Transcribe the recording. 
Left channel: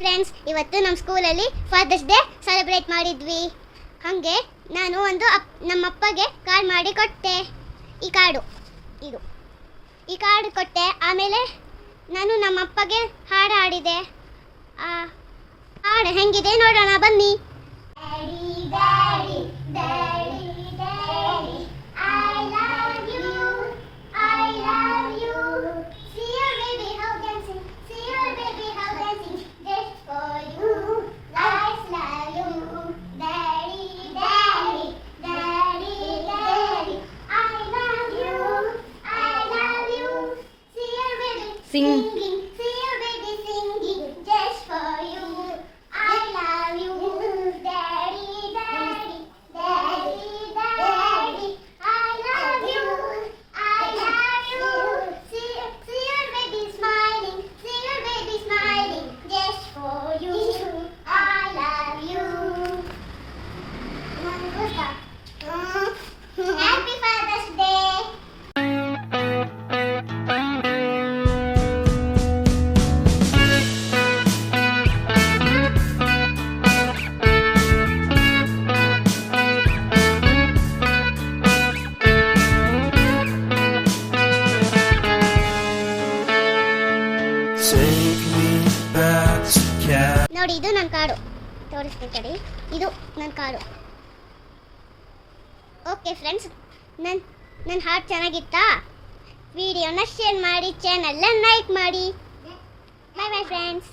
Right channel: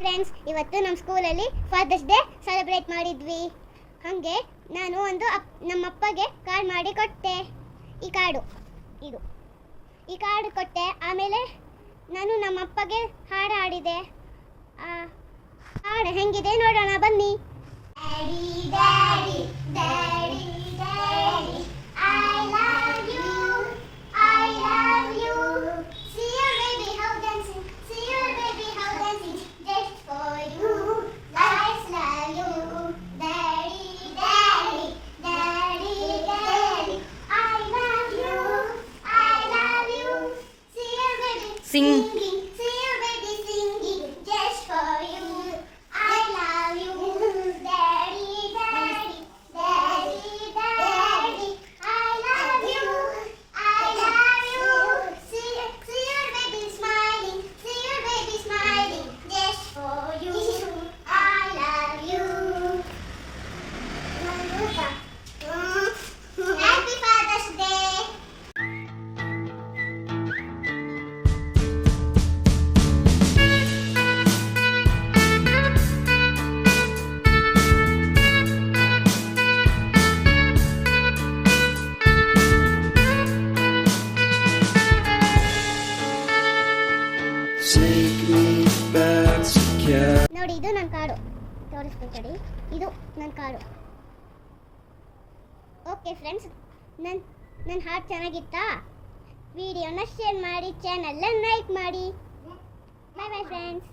ಫ್ರೆಂಡ್ಸ್, ಇವತ್ತು ನಮ್ಮ ಸ್ಕೂಲಲ್ಲಿ ಫಾದರ್ಸ್ ಡೇ ಸೆಲೆಬ್ರೇಟ್ ಮಾಡಿದ್ವಿ. ಹಾಗೆ ನಾನು ನಮ್ಮ ಅಪ್ಪಗೆ ಕಾರ್ಡ್ ಮಾಡಿ ಕೊಟ್ಟೆ. ಈ ಕಾರ್ಡು ಕೊಟ್ಟೆ. ಆಮೇಲೆ ನಾನು ನಮ್ಮ ಅಪ್ಪಗೆ ಹಾಡು ಹಾಡಿದೆ. ಹಾಡು ಹೆಂಗಿದೆ ನೋಡೋಣ ಬನ್ನಿ. Sing. See your baby singing just for you. I love you, daddy, daddy, daddy, daddy. I love you, I love you. See your baby smiling, see your baby smiling just for you. I love you. Happy Father's Day. ನೋಡಿ, ಇದು ನನ್ನ ಕಾರ್ಡು. ತೋರಿಸ್ತೀನಿ, ಇದು ನನ್ನ card. Okay friends, ನನ್ನ ಹಾಡು ಚೆನ್ನಾಗಿತ್ತಾ? ವಿಡಿಯೋನ ಶೇರ್ ಮಾಡಿ, ಚಾನಲ್ನ ಲೈಕ್ ಮಾಡಿ. ಬಾಯ್ ಬಾಯ್ ಫ್ರೆಂಡ್ಸ್.